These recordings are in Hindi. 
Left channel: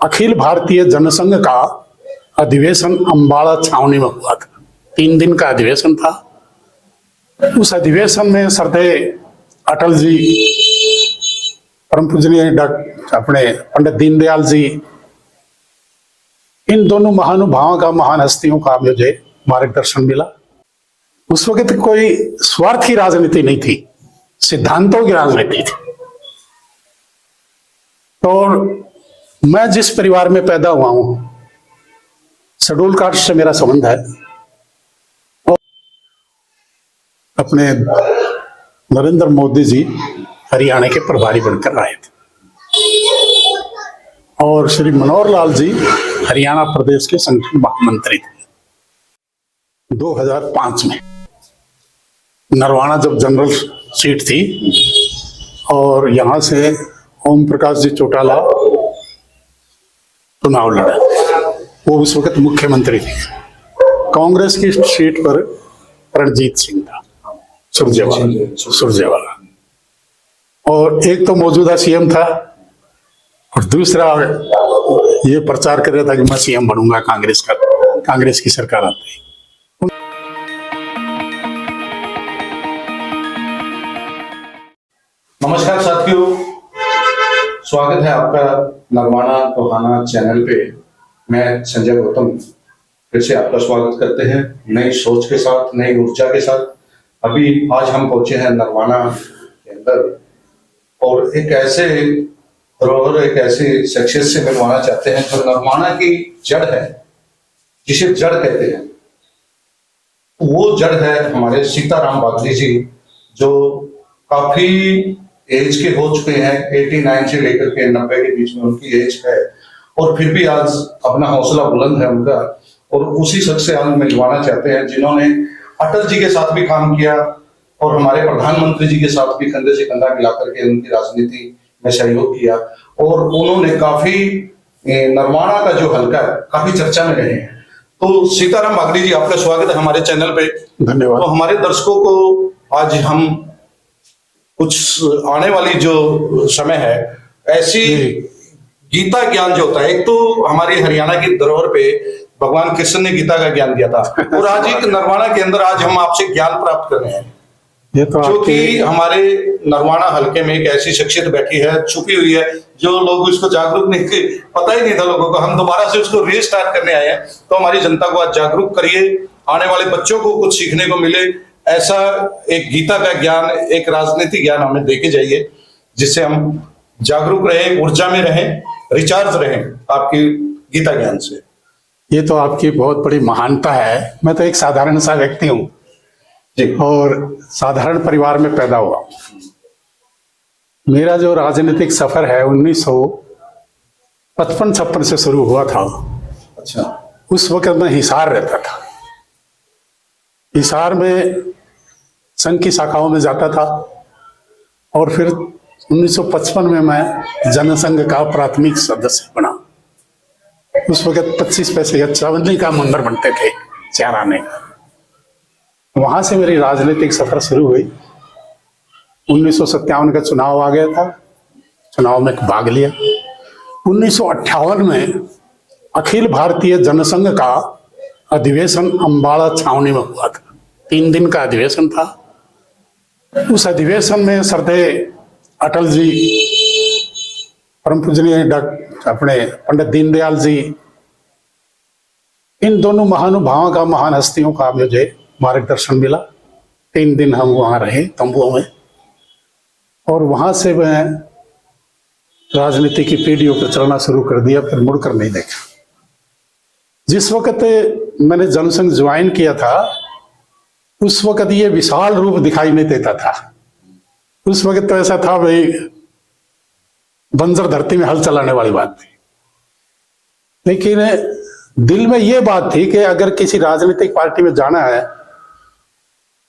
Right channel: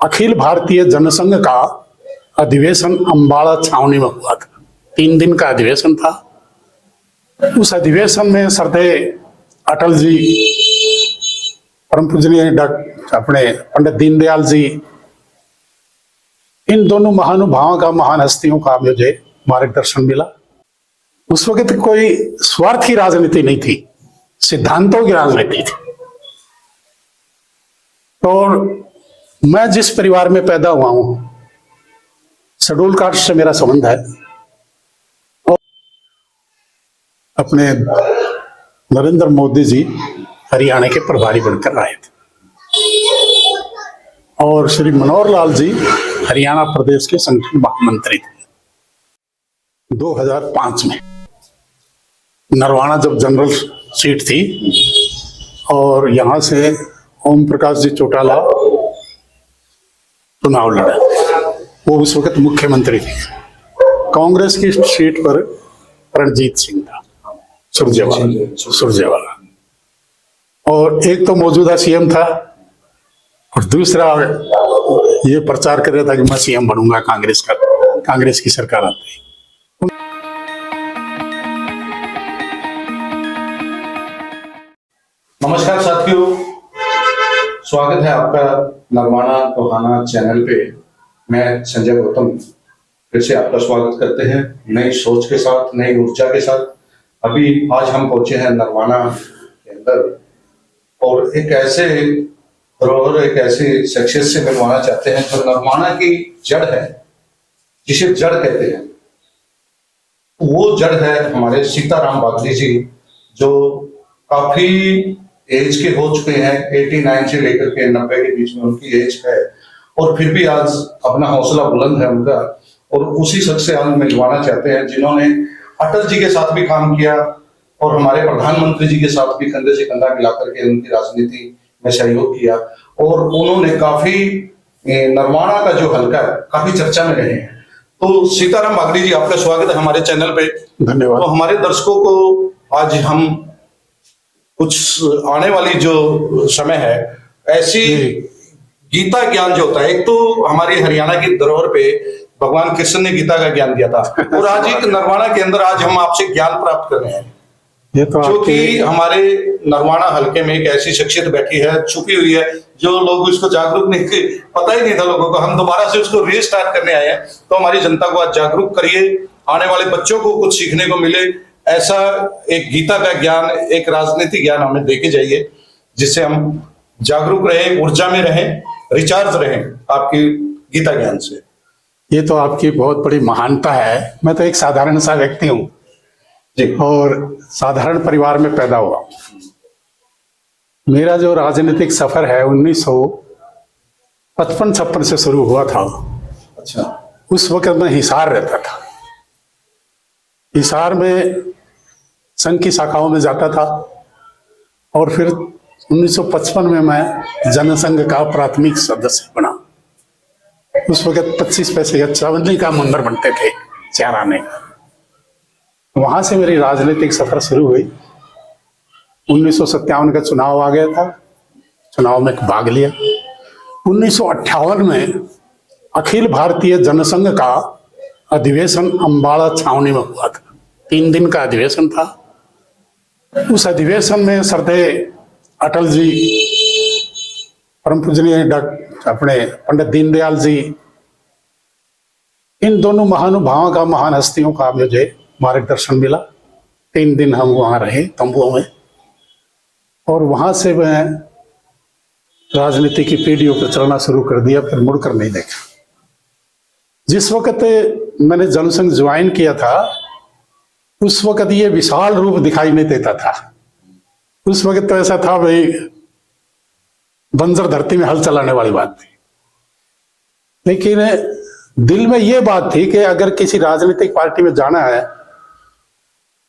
अखिल भारतीय जनसंघ का अधिवेशन अंबाला छावनी में हुआ था। 3 दिन का अधिवेशन था। इस अधिवेशन में श्रद्धेय अटल जी, परम पूजनीय अपने पंडित दीनदयाल जी, इन दोनों महानुभावों का, महान हस्तियों का मुझे मार्गदर्शन मिला। उस वक्त कोई स्वार्थी राजनीति नहीं थी, सिद्धांतों की राजनीति थी। और मैं जिस परिवार में पैदा हुआ हूं, शेड्यूल कास्ट से मेरा संबंध है। अपने नरेंद्र मोदी जी हरियाणा के प्रभारी बनकर आए थे और श्री मनोहर लाल जी हरियाणा प्रदेश के संगठन महामंत्री थे। 2005 में नरवाना जब जनरल सीट थी और यहां से ओम प्रकाश जी चौटाला चुनाव लड़े, वो उस वक्त मुख्यमंत्री थे। कांग्रेस की सीट पर रणजीत सिंह था, सुरजेवाला, और एक तो मौजूदा सीएम था और दूसरा ये प्रचार कर रहा था कि मैं सीएम बनूंगा कांग्रेस की सरकार आती। नमस्कार साथियों, स्वागत है आपका नरवाना टोहाना चैनल पे। मैं संजय गौतम फिर से आपका स्वागत करते हैं नई सोच के साथ, नई ऊर्जा के साथ। अभी आज हम पहुंचे हैं नरवाना के अंदर और एक ऐसे धरोहर, एक ऐसे शख्सियत से मिलवाना चाहते हैं जो नरवाना की जड़ है, जिसे जड़ कहते हैं। वो जड़ है हमारे सीताराम बागली जी, जो काफी एज के हो चुके हैं। 89 से लेकर के 90 के बीच में उनकी एज है और फिर भी आज अपना हौसला बुलंद है उनका। और उसी शख्स से आज मिलवाना चाहते हैं जिन्होंने अटल जी के साथ भी काम किया और हमारे प्रधानमंत्री जी के साथ भी कंधे से कंधा मिलाकर के उनकी राजनीति में सहयोग किया। और उन्होंने काफी नरवाना का जो हल्का है काफी चर्चा में रहे। तो सीताराम बागली जी, आपका स्वागत है हमारे चैनल पे। धन्यवाद। हमारे दर्शकों को आज हम कुछ आने वाली जो समय है, ऐसी गीता ज्ञान जो होता है, एक तो हमारे हरियाणा की धरोहर पे भगवान कृष्ण ने गीता का ज्ञान दिया था और आज एक नरवाना के अंदर आज हम आपसे ज्ञान प्राप्त कर रहे हैं। जो कि हमारे नरवाना हल्के में एक ऐसी शख्सियत बैठी है, छुपी हुई है, जो लोग इसको जागरूक नहीं थे, पता ही नहीं था लोगों को। हम दोबारा से उसको रीस्टार्ट करने आए हैं। तो हमारी जनता को आज जागरूक करिए, आने वाले बच्चों को कुछ सीखने को मिले। ऐसा एक गीता का ज्ञान, एक राजनीति ज्ञान हमें देके जाइए, जिससे हम जागरूक रहें, ऊर्जा में रहें, रिचार्ज रहें आपकी गीता ज्ञान से। ये तो आपकी बहुत बड़ी महानता है। मैं तो एक साधारण सा व्यक्ति हूँ और साधारण परिवार में पैदा हुआ। मेरा जो राजनीतिक सफर है 1955-56 से शुरू हुआ था। अच्छा। उस वक्त मैं हिसार रहता था। हिसार में संघ की शाखाओं में जाता था और फिर 1955 में मैं जनसंघ का प्राथमिक सदस्य बना। उस वक्त 25 पैसे या चावनी का मंदिर बनते थे चारा में। वहां से मेरी राजनीतिक सफर शुरू हुई। 1957 का चुनाव आ गया था, चुनाव में भाग लिया। 1958 में अखिल भारतीय जनसंघ का अधिवेशन अंबाला छावनी में हुआ था। 3 दिन का अधिवेशन था। उस अधिवेशन में श्रद्धेय अटल जी, परम पूजनीय अपने पंडित दीनदयाल जी, इन दोनों महानुभावों का, महान हस्तियों का मुझे मार्गदर्शन मिला। 3 दिन हम वहां रहे तंबुओं में और वहां से मैं राजनीति की पीढ़ियों पर चलना शुरू कर दिया, फिर मुड़कर नहीं देखा। जिस वक्त मैंने जनसंघ ज्वाइन किया था उस वक्त ये विशाल रूप दिखाई नहीं देता था। उस वक्त तो ऐसा था भाई, बंजर धरती में हल चलाने वाली बात थी। लेकिन दिल में ये बात थी कि अगर किसी राजनीतिक पार्टी में जाना है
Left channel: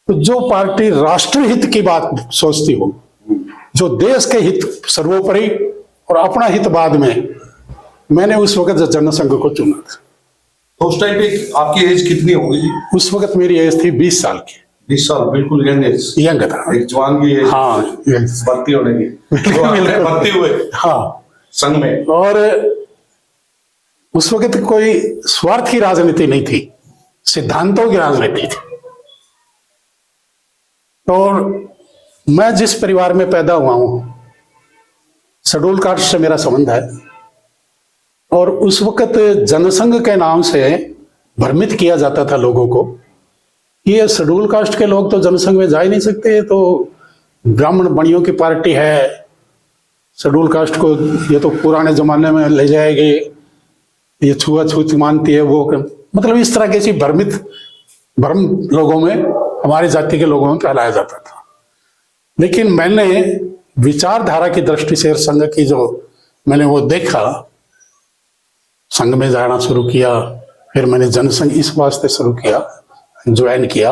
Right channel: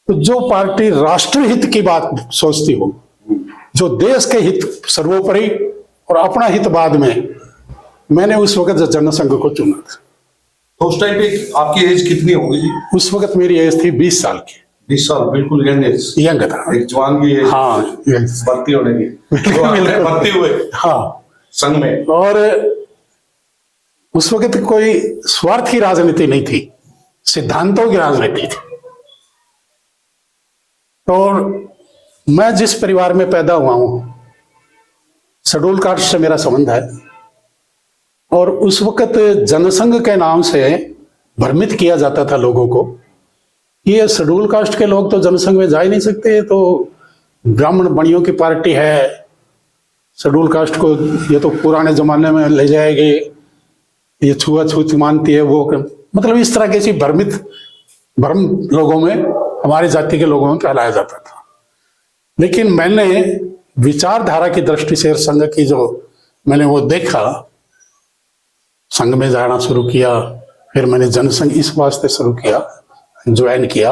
तो जो पार्टी राष्ट्रीय हित की बात सोचती हो, जो देश के हित सर्वोपरि और अपना हित बाद में, मैंने उस वक्त जनसंघ को चुना था। तो उस टाइम पे आपकी एज कितनी होगी? उस वक्त मेरी एज थी 20 साल की। 20 साल, बिल्कुल यंग था, एक जवान की एज। हाँ, भर्ती होने की। भर्ती हुए हाँ संघ में। और उस वक्त कोई स्वार्थ की राजनीति नहीं थी, सिद्धांतों की राजनीति थी। और मैं जिस परिवार में पैदा हुआ हूं, शेड्यूल कास्ट से मेरा संबंध है, और उस वक्त जनसंघ के नाम से भ्रमित किया जाता था लोगों को कि ये शेड्यूल कास्ट के लोग तो जनसंघ में जा ही नहीं सकते, तो ब्राह्मण बणियों की पार्टी है, शेड्यूल कास्ट को ये तो पुराने जमाने में ले जाएगी, ये छुआछूत मानती है वो, मतलब इस तरह की भ्रम लोगों में, हमारी जाति के लोगों में फैलाया जाता था। लेकिन मैंने विचारधारा की दृष्टि से संघ की जो मैंने वो देखा, संघ में जाना शुरू किया, फिर मैंने जनसंघ इस वास्ते शुरू किया, ज्वाइन किया,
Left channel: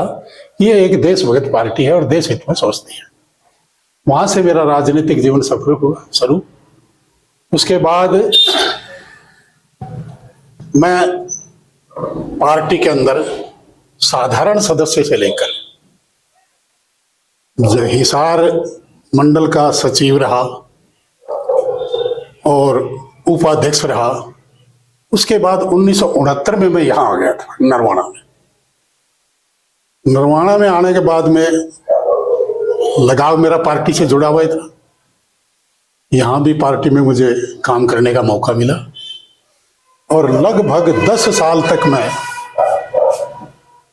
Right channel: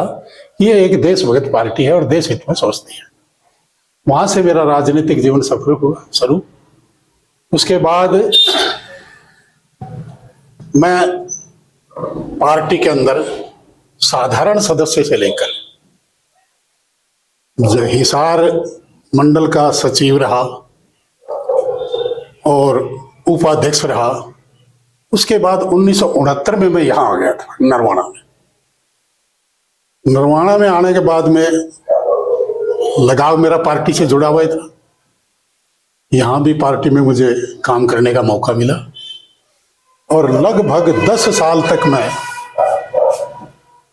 ये एक देशभक्त पार्टी है और देश हित में सोचती है। वहां से मेरा राजनीतिक जीवन सफल हुआ शुरू। उसके बाद मैं पार्टी के अंदर साधारण सदस्य से लेकर हिसार मंडल का सचिव रहा और उपाध्यक्ष रहा। उसके बाद 1969 में मैं यहां आ गया था नरवाना में। नरवाना में आने के बाद में लगाव मेरा पार्टी से जुड़ा हुआ था। यहां भी पार्टी में मुझे काम करने का मौका मिला और लगभग 10 साल तक मैं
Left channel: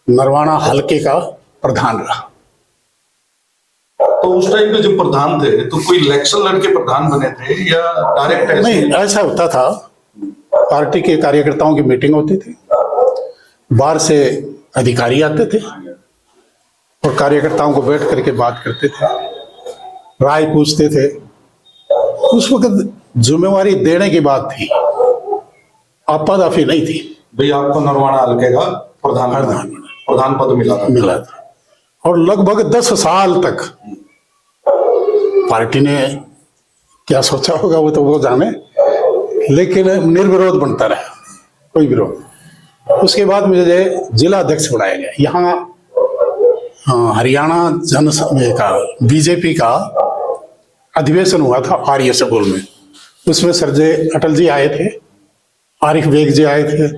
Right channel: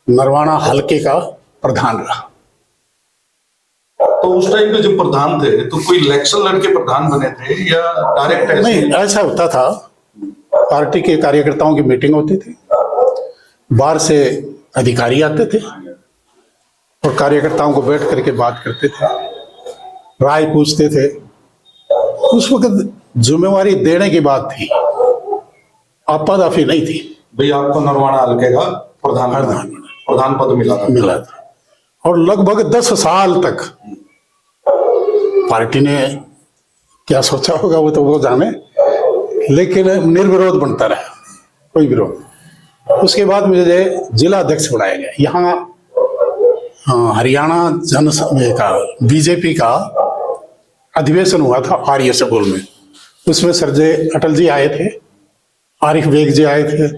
नरवाना हलके का प्रधान रहा। तो उस टाइम पे जो प्रधान थे तो कोई इलेक्शन लड़के प्रधान बने थे या डायरेक्ट? नहीं, ऐसा होता था, पार्टी के कार्यकर्ताओं की मीटिंग होती थी, बाहर से अधिकारी आते थे और कार्यकर्ताओं को बैठ करके बात करते थे, राय पूछते थे। उस वक्त जिम्मेवारी देने की बात थी, आपादाफी नहीं थी। भाई आपको नरवाना हल्के का प्रधान पद मिला था और लगभग 10 साल तक पार्टी ने क्या सोचा होगा वो तो वो जाने, लेकिन निर्विरोध बनता रहा, कोई विरोध। उसके बाद मुझे जिला अध्यक्ष बनाया गया। यहाँ हरियाणा जनसंघ का बीजेपी का अधिवेशन हुआ था आर्य स्कूल में। उसमें सरजे अटल जी आए थे, आरिफ बेग जी आए थे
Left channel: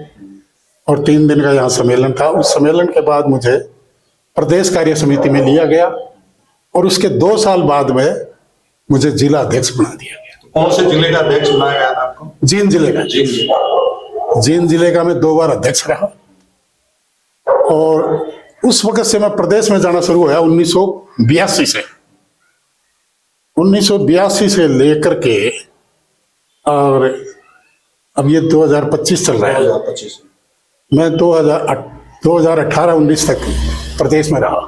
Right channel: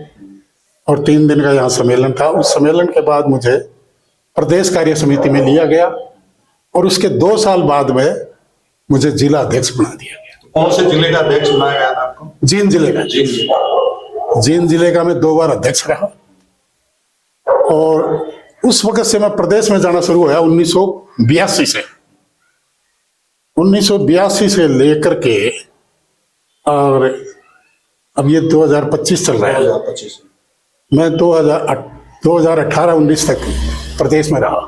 और 3 दिन का यहाँ सम्मेलन था। उस सम्मेलन के बाद मुझे प्रदेश कार्य समिति में लिया गया और उसके 2 साल बाद में मुझे जिला अध्यक्ष बना दिया गया। कौन से जिले का अध्यक्ष बनाया गया आपको? जींद जिले का। जींद जिले का मैं 2 बार अध्यक्ष रहा और उस वक्त से मैं प्रदेश में जाना शुरू हुआ 1982 से। 1982 से लेकर के और अब ये 2025 चल रहा है। 2025 मैं 2018-19 तक प्रदेश में रहा,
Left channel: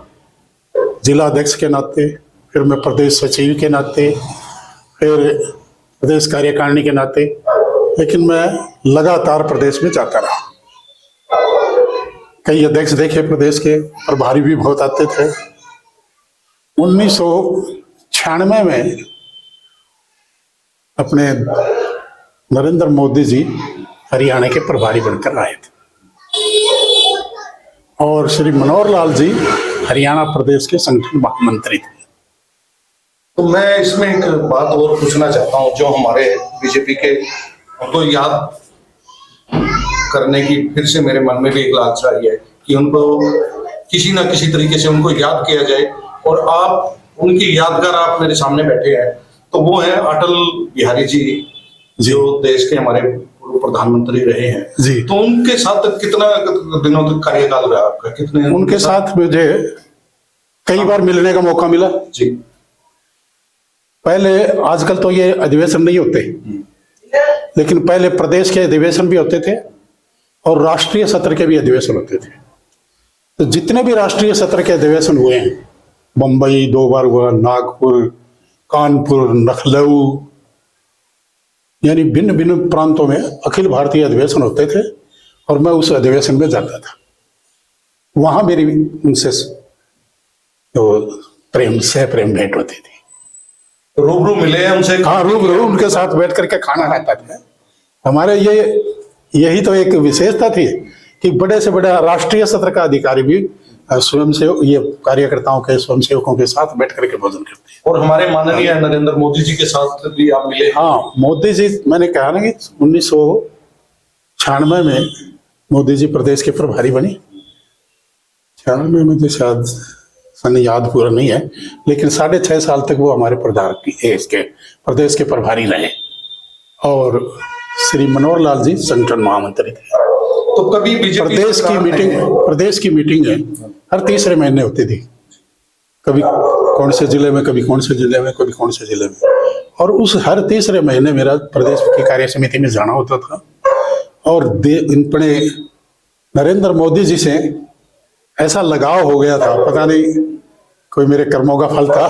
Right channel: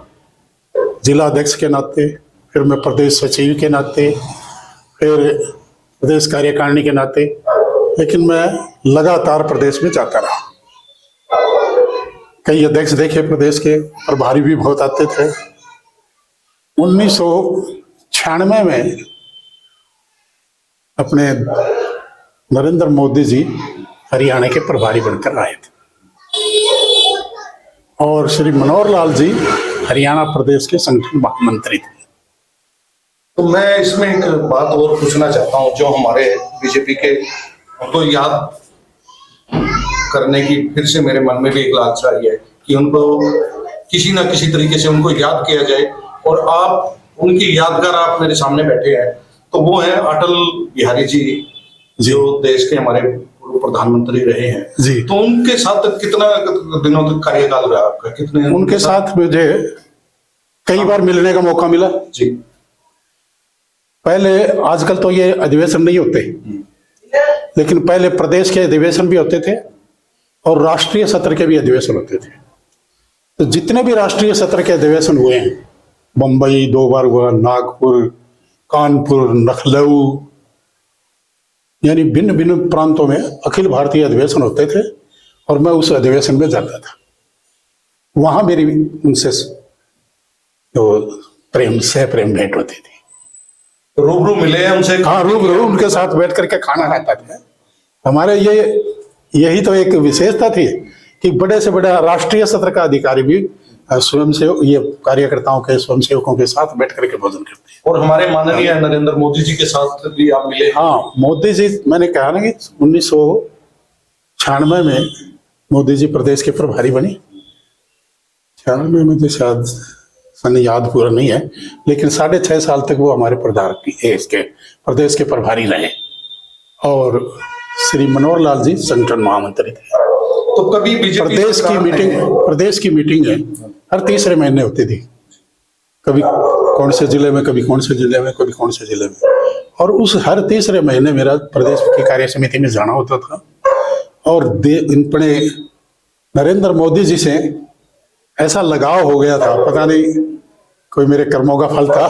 जिला अध्यक्ष के नाते, फिर मैं प्रदेश सचिव के नाते, फिर प्रदेश कार्यकारिणी के नाते, लेकिन मैं लगातार प्रदेश में जाता रहा। कई अध्यक्ष देखे प्रदेश के, प्रभारी भी बहुत आते थे। 1996 में अपने नरेंद्र मोदी जी हरियाणा के प्रभारी बनकर आए थे और श्री मनोहर लाल जी हरियाणा प्रदेश के संगठन मंत्री थे। तो मैं इसमें एक बात और पूछना चाहता हूँ, जो हमारे बीजेपी के उनको याद करने की फिर से मेरे मन में भी एक लालसा आई है कि उनको किसी ना किसी तरीके से उनको याद किया जाए। और आप उनकी यादगार आप मेरे सामने बैठे हैं, तो वो है अटल बिहारी जी, जो देश के हमारे प्रधानमंत्री रहे हैं। तो उनके साथ कितना दिनों तक कार्यकाल रहा आपका? कितने? उनके साथ मुझे कई बार मिलने का मौका मिला जी। पहले, आजकल तो ये अधिवेशन नहीं होते, लेकिन पहले प्रदेश के अधिवेशन भी होते थे और राष्ट्रीय सत्र के भी अधिवेशन होते थे। तो जितने भी राष्ट्रीय सत्र के अधिवेशन हुए हैं, मुंबई 2 बार हुआ, नागपुर, कानपुर, लखनऊ, यानी भिन्न भिन्न प्रांतों में अखिल भारतीय अधिवेशन होते थे और मैं उस अधिवेशन में जाता था। वहां मेरी उनसे प्रेम भेंट होती थी। रूबरू मिले उनसे? हाँ, रूबरू उनके साथ बैठ करके खाना खाता था। हमारे यही तो एक विशेषता थी कि बड़े से बड़ा राष्ट्रीय सत्र का अधिकारी भी स्वयं से ये कार्यकर्ताओं के, स्वयंसेवकों के साथ बैठ करके भोजन करते हैं। और हमारे माननीय नरेंद्र मोदी जी के साथ भी आप मिले? हाँ, मोदी जी, मैंने कहा ना कि 96 में मोदी जी प्रदेश के प्रभारी बने। 96 में मुझे शायद सन याद पूरा नहीं है, लेकिन 6.5 साल तक वो हमारे प्रदेश के प्रभारी रहे। और श्री मनोहर लाल जी संगठन महामंत्री थे। तो कभी बीजेपी प्रदेश की मीटिंग है हर तीसरे महीने होती थी, कभी कौन से जिले में, कभी कौन से जिले में, कभी कौन से जिले में। और उस हर तीसरे महीने मेरा प्रदेश की कार्य समिति में जाना होता था। और अपने नरेंद्र मोदी जी से ऐसा लगाव हो गया था, पता नहीं कोई मेरे कर्मों का फल था।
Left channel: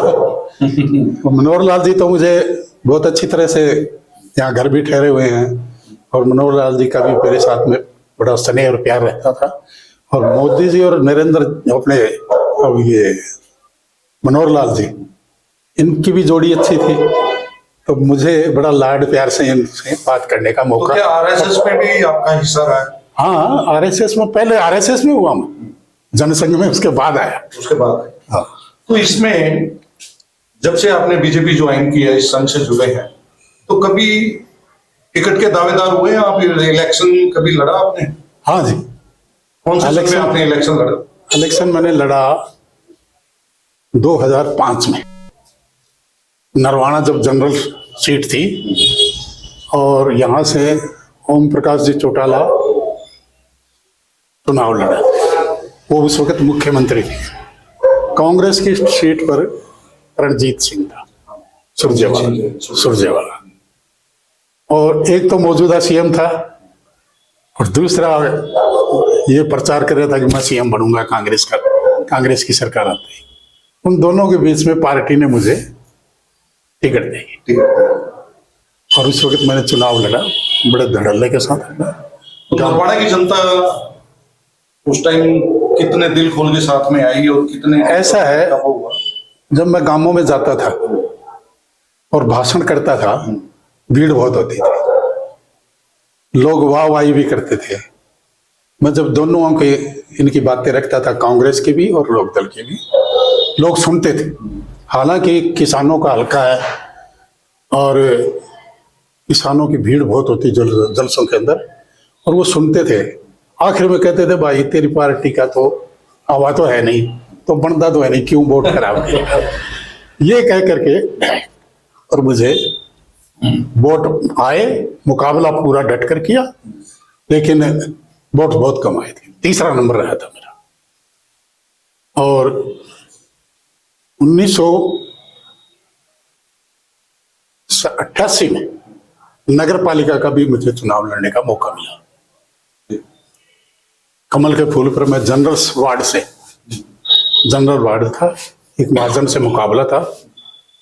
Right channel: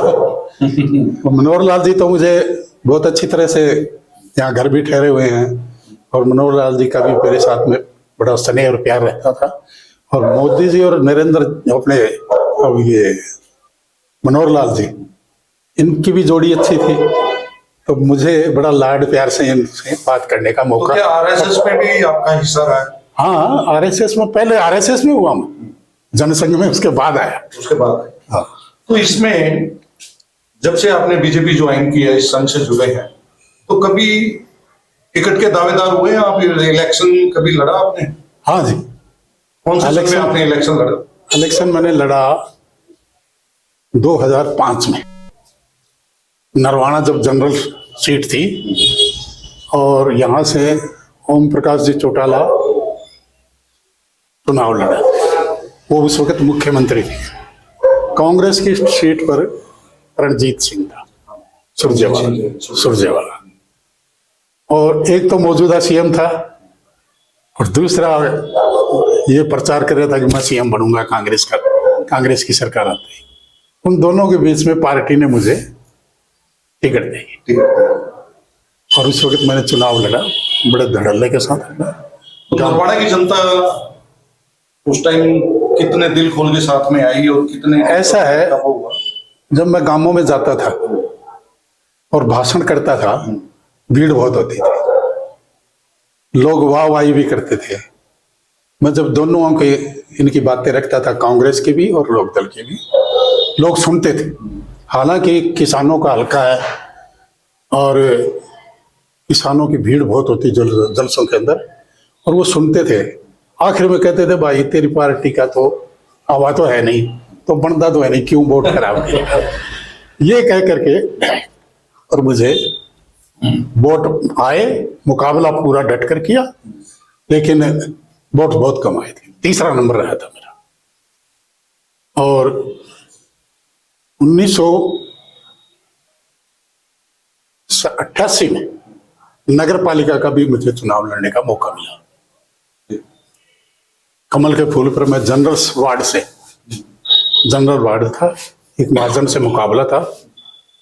तो मनोहर लाल जी तो मुझे बहुत अच्छी तरह से यहाँ घर भी ठहरे हुए हैं, और मनोहर लाल जी का भी मेरे साथ में बड़ा स्नेह और प्यार रहता था। और मोदी जी और नरेंद्र अपने ये मनोहर लाल जी, इनकी भी जोड़ी अच्छी थी, तो मुझे बड़ा लाड प्यार से इनसे बात करने का तो मौका। क्या आरएसएस में भी आपका हिस्सा रहा है? हाँ, आरएसएस में, पहले आरएसएस में हुआ मैं, जनसंघ में उसके बाद आया। उसके बाद हाँ। तो इसमें जब से आपने बीजेपी ज्वाइन की है, इस संघ से जुड़े हैं, तो कभी टिकट के दावेदार हुए आप? इलेक्शन कभी लड़ा आपने? हाँ जी, कौन से संघ में इलेक्शन- आपने इलेक्शन लड़ा? इलेक्शन मैंने लड़ा 2005 में, नरवाना जब जनरल सीट थी, और यहाँ से ओम प्रकाश जी चौटाला चुनाव लड़ा। वो उस वक्त मुख्यमंत्री थे। कांग्रेस की सीट पर रणजीत सिंह था, सुरजेवाला। और एक तो मौजूदा सीएम था, और दूसरा ये प्रचार कर रहा था कि मैं सीएम बनूंगा कांग्रेस की सरकार आते ही। उन दोनों के बीच में पार्टी ने मुझे टिकट दी, और उस वक्त मैंने चुनाव लड़ा, बड़े धड़ल्ले के साथ लड़ा। तो नरवाना की जनता उस टाइम कितने दिल खोल के साथ में आई, और कितने ऐसा है, हुआ? जब मैं गांवों में जाता था और भाषण करता था, भीड़ बहुत होती थी, लोग वाहवाही भी करते थे। मैं जब दोनों की इनकी बातें रखता था, कांग्रेस की भी और लोकदल की भी, लोग सुनते थे। हालांकि किसानों का हल्का है, और किसानों की भीड़ बहुत होती जलसों के अंदर, और वो सुनते थे। आखिर में कहते थे, भाई तेरी पार्टी का तो हवा तो है नहीं, तो बनता तो है नहीं, क्यों वोट कराओगे? ये कह करके, और मुझे वोट आए, मुकाबला पूरा डट कर किया, लेकिन वोट बहुत कम आए थे, तीसरा नंबर रहा था मेरा। और 1988 में नगर पालिका का भी मुझे चुनाव लड़ने का मौका मिला। कमल के फूल पर मैं जनरल वार्ड था, एक महाजन से मुकाबला था,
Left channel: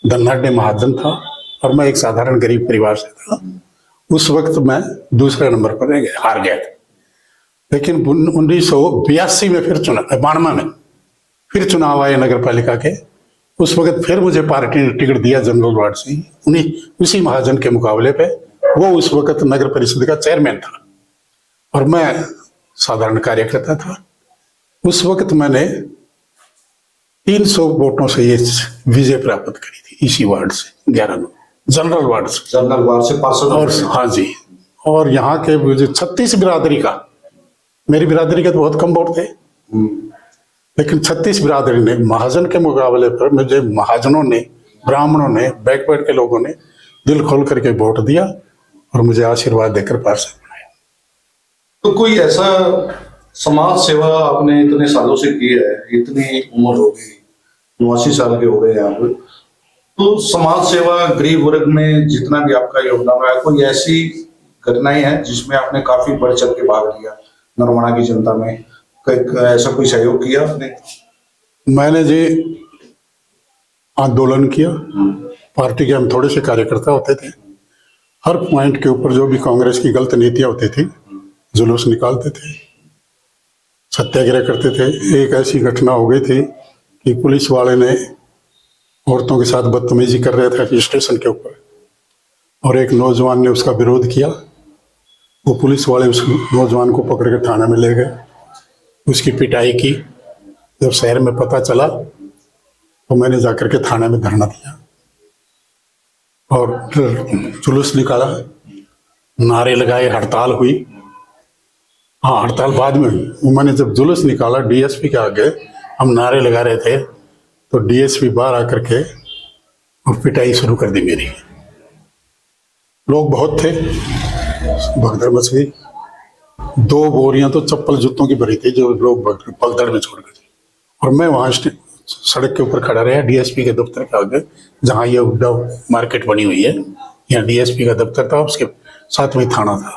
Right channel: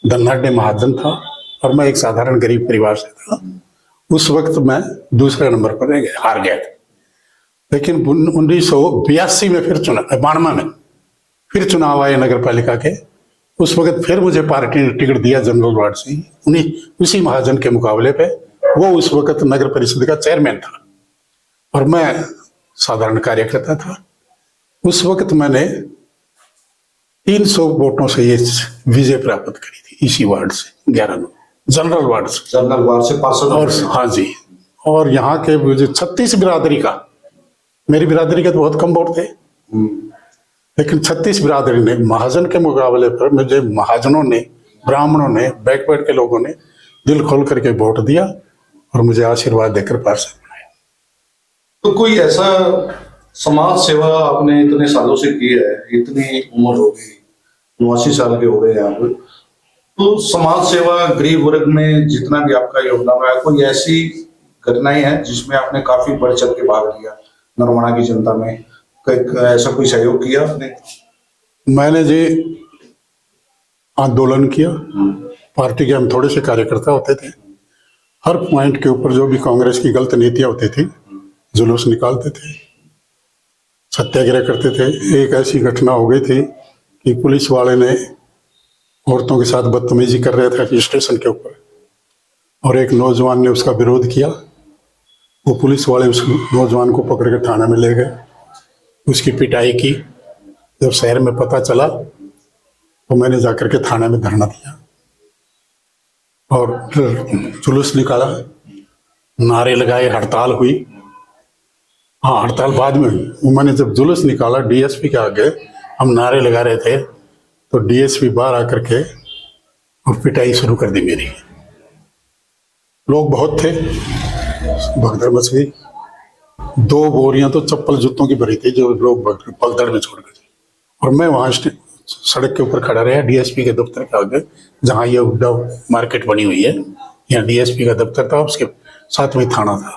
धनाढ्य महाजन था, और मैं एक साधारण गरीब परिवार से था। उस वक्त मैं दूसरे नंबर पर हार गया था। लेकिन 1982 में फिर चुनाव, 92 में फिर चुनाव आए नगर पालिका के। उस वक्त फिर मुझे पार्टी ने टिकट दिया जनरल वार्ड से ही, उसी महाजन के मुकाबले पे। वो उस वक्त नगर परिषद का चेयरमैन था, और मैं साधारण कार्यकर्ता था। उस वक्त मैंने 300 वोटों से ये विजय प्राप्त करी थी, इसी वार्ड से, 11 जनरल वार्ड से पार्षद। और हाँ जी, और यहाँ के मुझे 36 बिरादरी का, मेरी बिरादरी के तो बहुत कम वोट थे, लेकिन 36 बिरादरी ने, महाजन के मुकाबले पर मुझे महाजनों ने, ब्राह्मणों ने, बैकवर्ड के लोगों ने दिल खोल करके वोट दिया, और मुझे आशीर्वाद देकर पार्षद बनाया। तो कोई ऐसा समाज सेवा आपने इतने सालों से किया है, इतनी उम्र हो गई, 89 साल के हो गए यहाँ पे, तो समाज सेवा, गरीब वर्ग में जितना भी आपका योगदान है, कोई ऐसी घटनाएं हैं जिसमें आपने काफी बढ़ चढ़ के भाग लिया, नरवाना की जनता में ऐसा कोई सहयोग किया आपने? मैंने जी आंदोलन किया, पार्टी के हम थोड़े से कार्यकर्ता होते थे, हर पॉइंट के ऊपर जो भी कांग्रेस की गलत नीतियां होती थी, जुलूस निकालते थे, सत्याग्रह करते थे। एक ऐसी घटना हो गई थी कि पुलिस वाले ने औरतों के साथ बदतमीजी कर रहे थे स्टेशन के ऊपर, और एक नौजवान ने उसका विरोध किया। वो पुलिस वाले उस नौजवान को पकड़ के थाने में ले गए, उसकी पिटाई की। जब शहर में पता चला तो मैंने जाकर के थाने में धरना दिया, और जुलूस निकाला, नारे लगाए, हड़ताल हुई, हाँ, हड़ताल बाद में हुई। उन्होंने जब जुलूस निकाला डीएसपी के आगे, हम नारे लगा रहे थे, तो डीएसपी बाहर आकर के और पिटाई शुरू कर दी मेरी। लोग बहुत थे, भगदड़ मच गई। 2 बोरियां तो चप्पल जूतों की भरी थी जो लोग पलतड़ में छोड़ गए। और मैं वहां सड़क के ऊपर खड़ा रहा डीएसपी के दफ्तर के आगे, जहाँ ये हुड्डा मार्केट बनी हुई है, या डीएसपी का दफ्तर था, उसके साथ में थाना था।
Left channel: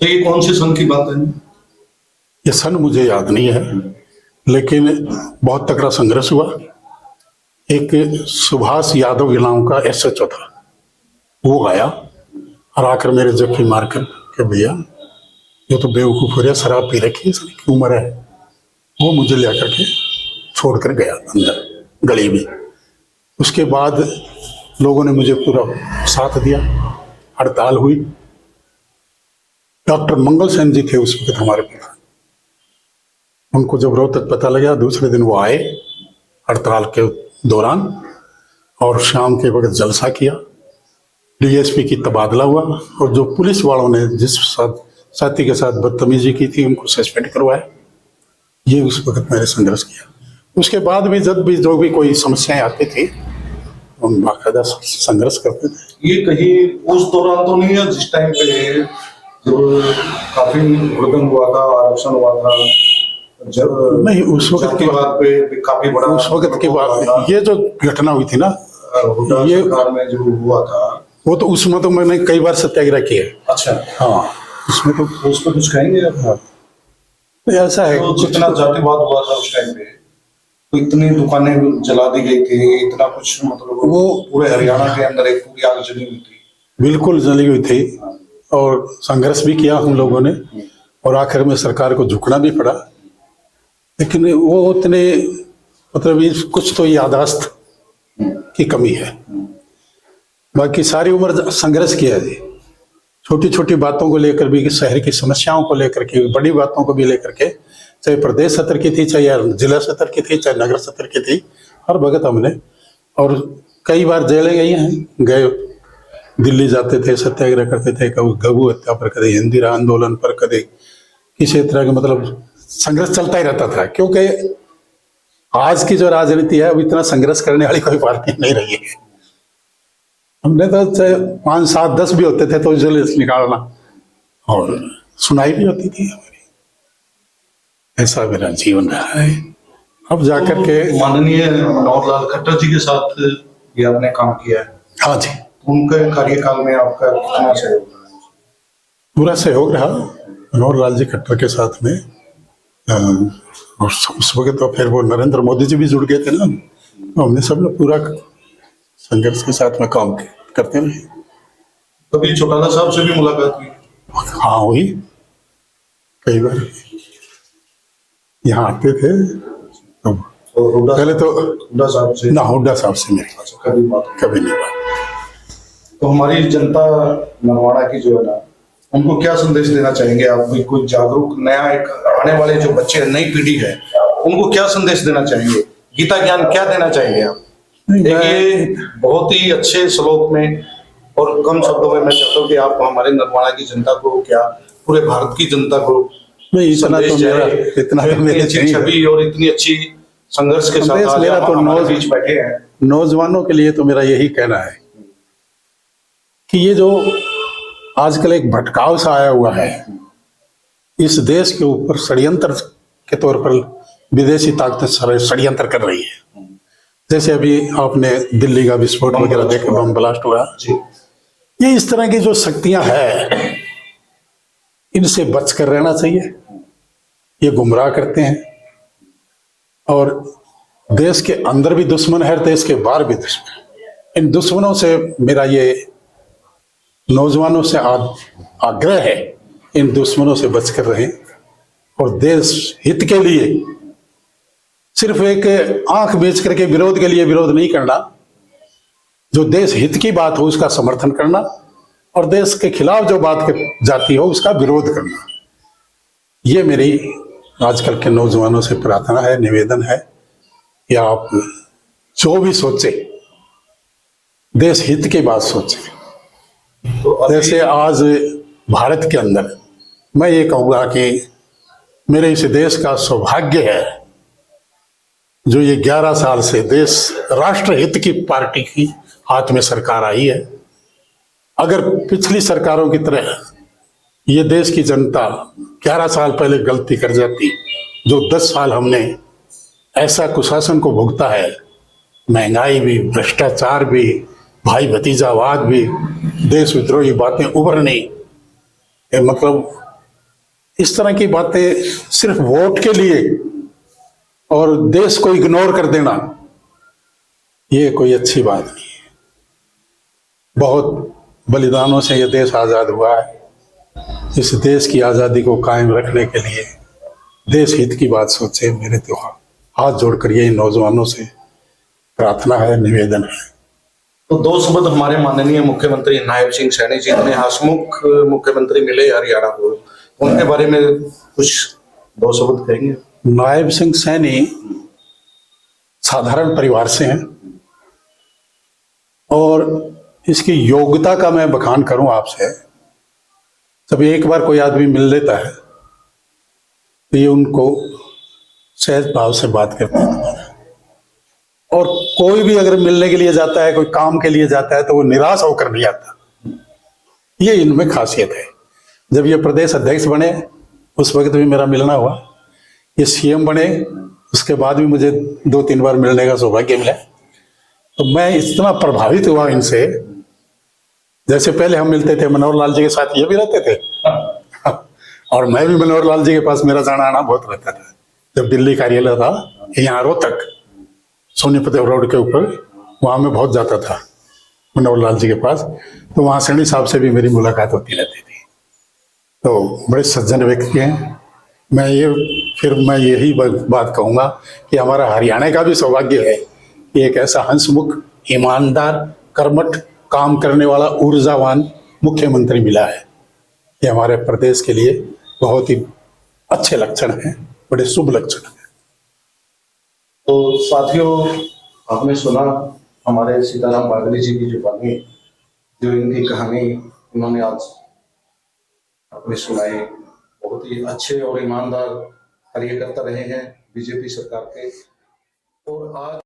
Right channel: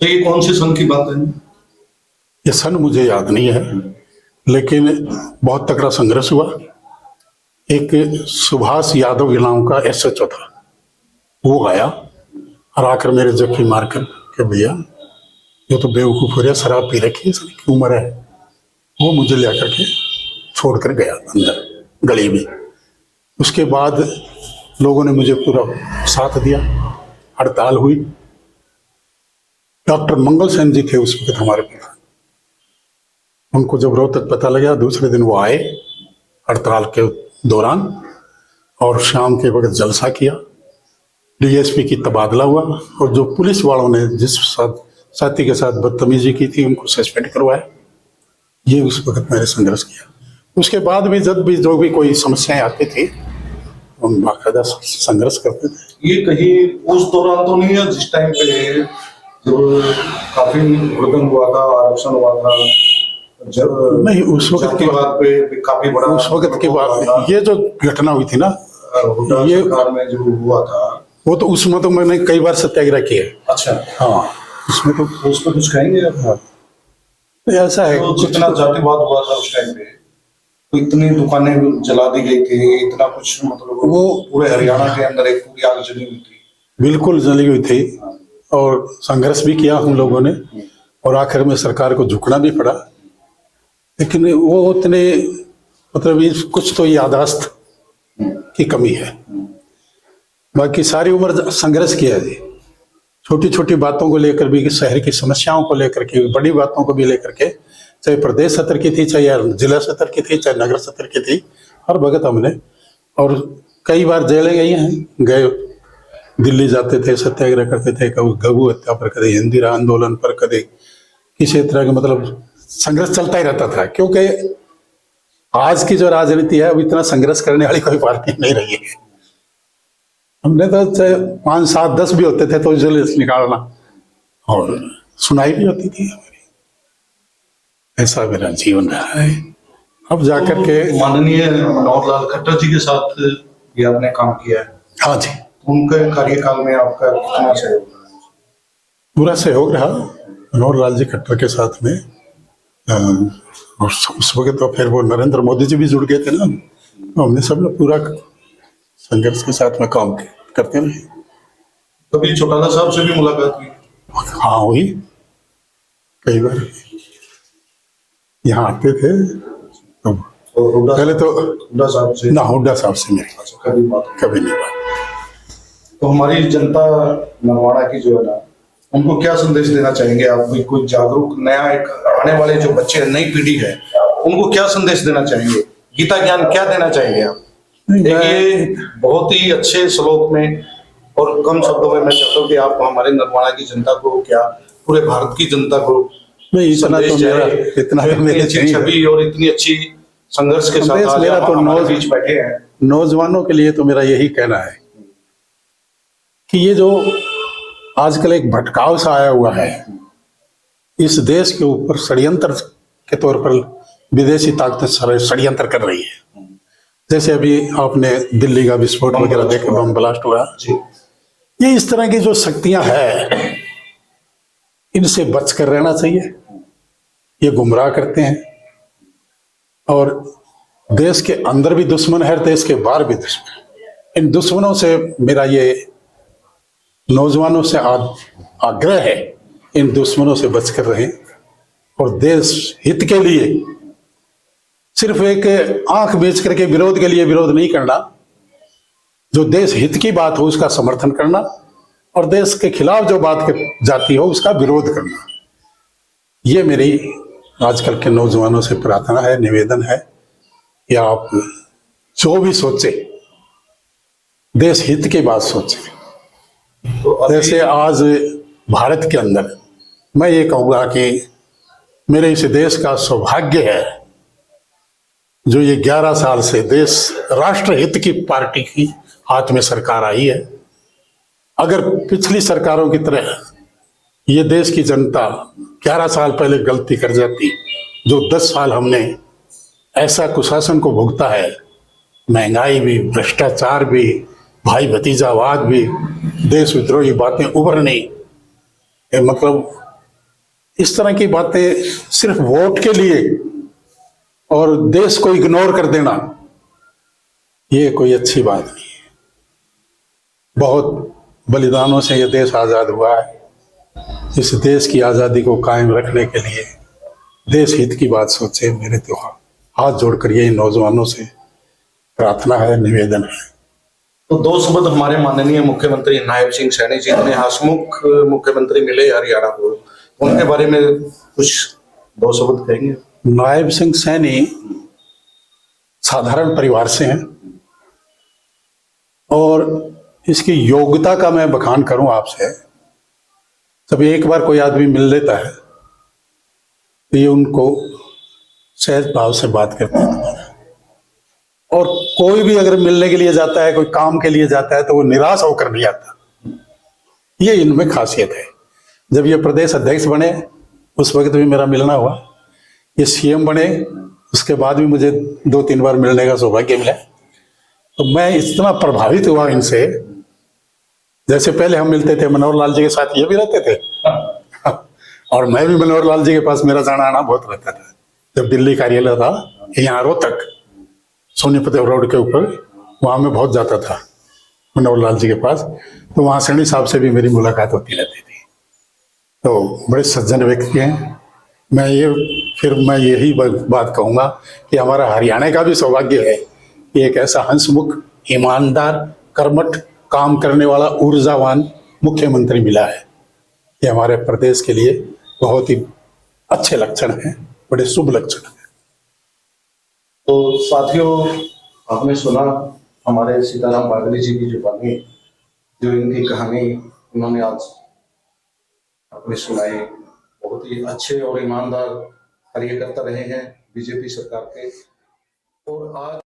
तो ये कौन से सन की बात है? ये सन मुझे याद नहीं है, लेकिन बहुत तगड़ा संघर्ष हुआ। एक सुभाष यादव इलाम का एसएचओ था, वो आया और आकर मेरे जख्मी मारकर के भैया ये तो बेवकूफ हो रहा, शराब पी रखी है, इसकी उम्र है। वो मुझे ले आकर के छोड़ कर गया अंदर गली में। उसके बाद लोगों ने मुझे पूरा साथ दिया, हड़ताल हुई। डॉक्टर मंगल सेन जी थे उस वक्त हमारे प्रधान। हमको जब रोहतक पता लगा, दूसरे दिन वो आए हड़ताल के दौरान, और शाम के बड़े जलसा किया। डीएसपी की तबादला हुआ, और जो पुलिस वालों ने जिस साथी के साथ बदतमीजी की थी उनको सस्पेंड करवाया। ये उस वक्त मैंने संघर्ष किया। उसके बाद भी जब भी जो भी कोई समस्याएं आती थी, हम बाकायदा संघर्ष करते थे। ये कहीं उस दौरान तो नहीं है जिस टाइम पे जब काफी हुड़दंग हुआ था, आरक्षण हुआ था, जब नहीं, उस वक्त के बाद पे काफी उस वक्त के बाद ये जो घटना हुई थी ना, ये में जो हुआ था, वो तो उसमें तो मैंने कई बार सत्याग्रह किया। अच्छा, हाँ, उसमें तो उसमें कुछ कहेंगे आप? हाँ, तो ऐसा है तो जितना जातिवाद हुआ था उस टाइम पे, तो इतनी दुकानें जला दी गई थी, इतना कुछ, मतलब वो पूरे हरियाणा के अंदर एक पूरी आग जली हुई थी। बिल्कुल जली हुई थी, और संघर्ष भी किया हम लोगों ने, और आखिर में सरकार को झुकना भी पड़ा। लेकिन वो उतने मतलब कुछ तो याददाश्त की कमी है। बाकी सारी उम्र संघर्ष किया है, छोटी छोटी बातों को लेकर भी, शहर की समस्याओं को लेकर के, बड़ी बातों को भी लेकर के, चाहे प्रदेश स्तर की थी, चाहे जिला स्तर की थी, चाहे नगर स्तर की थी, हर भगत हमने। और कई बार जेलें गई हैं, गए दिल्ली जाते थे, सत्याग्रह करते थे, कभी गबू हत्या पर, कभी इंदिरा आंदोलन पर, कभी किसी तरह का, मतलब संघर्ष चलता ही रहता था। क्योंकि आज की जो राजनीति है, वो इतना संघर्ष करने वाली कोई पार्टी नहीं रही है। हमने तो 5, 7, 10 भी होते थे तो जेल से निकालना, और सुनाई भी होती थी हमारी। ऐसा मेरा जीवन रहा है। अब जाकर के माननीय मनोहर लाल खट्टर जी के साथ ये आपने काम किया है। हाँ जी, उनके कार्यकाल में आपका कितना सहयोग रहा? पूरा सहयोग रहा मनोहर लाल जी खट्टर के साथ में। और उस वक्त तो फिर वो नरेंद्र मोदी जी भी जुड़ गए थे ना, तो हमने सब लोग पूरा संघर्ष के साथ में काम करते हैं। कभी चौटाला साहब से भी मुलाकात हुई? हाँ हुई, कई बार यहाँ आते थे। तो हुड्डा पहले तो हुड्डा साहब से? ना, हुड्डा साहब से मेरी कभी बात? कभी नहीं बात। तो हमारी जनता नरवाना की जो है ना, उनको क्या संदेश देना चाहेंगे आप? भी कोई जागरूक नया एक आने वाले जो बच्चे, नई पीढ़ी है, उनको क्या संदेश देना चाहिए? गीता ज्ञान क्या देना चाहिए आप? देखिए, बहुत ही अच्छे श्लोक में और कम शब्दों में मैं चाहता हूँ कि आप हमारे नरवाना की जनता को, क्या पूरे भारत की जनता को नहीं, इतना तो मेरा, इतना तो मेरी अच्छी नहीं है। छवि और इतनी अच्छी संघर्ष के साथ आज मेरा आप तो हमारे बीच बैठे हैं। नौजवानों के लिए तो मेरा यही कहना है कि ये जो आजकल एक भटकाव सा आया हुआ है, इस देश के ऊपर षड्यंत्र के तौर पर विदेशी ताकतें षड्यंत्र कर रही है। जैसे अभी आपने दिल्ली का विस्फोट वगैरह देखा, बम ब्लास्ट हुआ, ये इस तरह की जो शक्तियां हैं, इनसे बच कर रहना चाहिए। ये गुमराह करते हैं, और देश के अंदर भी दुश्मन है, देश के बाहर भी दुश्मन है। इन दुश्मनों से मेरा ये नौजवानों से आग्रह है, इन दुश्मनों से बचकर रहे, और देश हित के लिए सिर्फ एक आंख बेच करके विरोध के लिए विरोध नहीं करना, जो देश हित की बात हो उसका समर्थन करना, और देश के खिलाफ जो बात जाती हो उसका विरोध करना। ये मेरी आजकल के नौजवानों से प्रार्थना है, निवेदन है कि आप जो भी सोचें, देश हित की बात सोचें। जैसे आज भारत के अंदर मैं ये कहूँगा कि मेरे इस देश का सौभाग्य है जो ये 11 साल से देश राष्ट्र हित की पार्टी की हाथ में सरकार आई है। अगर पिछली सरकारों की तरह ये देश की जनता 11 साल पहले गलती कर जाती, जो 10 साल हमने ऐसा कुशासन को भुगता है, महंगाई भी, भ्रष्टाचार भी, भाई भतीजावाद भी, देश विद्रोही बातें उभरनी, मतलब इस तरह की बातें सिर्फ वोट के लिए और देश को इग्नोर कर देना, ये कोई अच्छी बात नहीं है। बहुत बलिदानों से ये देश आजाद हुआ है। इस देश की आजादी को कायम रखने के लिए देश हित की बात सोचे। मेरे त्योहार हाथ जोड़कर यही नौजवानों से प्रार्थना है, निवेदन है। तो दो शब्द हमारे माननीय मुख्यमंत्री नायब सिंह सैनी जी ने हंसमुख मुख्यमंत्री मिले हरियाणा को, उनके बारे में कुछ दो शब्द कहेंगे? नायब सिंह सैनी साधारण परिवार से हैं और इसकी योग्यता का मैं बखान करूं आपसे, जब एक बार कोई आदमी मिल लेता है तो ये उनको सहज भाव से बात करते हैं। और कोई भी अगर मिलने के लिए जाता है, कोई काम के लिए जाता है, तो वो निराश होकर नहीं आता। ये इनमें खासियत है। जब ये प्रदेश अध्यक्ष बने उस वक्त भी मेरा मिलना हुआ, ये सीएम बने उसके बाद भी मुझे 2-3 बार मिलने का सौभाग्य मिला। तो मैं इतना प्रभावित हुआ इनसे, जैसे पहले हम मिलते थे मनोहर लाल जी के साथ, ये भी रहते थे और मैं भी मनोहर लाल जी के पास मेरा जाना आना बहुत रहता था। जब दिल्ली कार्यालय था यहाँ रोहतक सोनीपत रोड के ऊपर, वहां मैं बहुत जाता था मनोहर लाल जी के पास, तो वहां सैनी साहब से भी मेरी मुलाकात होती रहती थी। तो बड़े सज्जन व्यक्ति हैं। मैं यही बात कहूंगा कि हमारा हरियाणा का भी सौभाग्य है कि एक ऐसा हंसमुख, ईमानदार, कर्मठ, काम करने वाला, ऊर्जावान मुख्यमंत्री मिला है। ये हमारे प्रदेश के लिए बहुत ही अच्छे लक्षण हैं, बड़ी शुभ लक्षण है। तो साथियों, आपने सुना हमारे सीताराम बावली जी की जुबानी, जो इनकी कहानी उन्होंने आज अपनी सुनाई। बहुत ही अच्छे और ईमानदार कार्यकर्ता रहे हैं बीजेपी सरकार के, और आज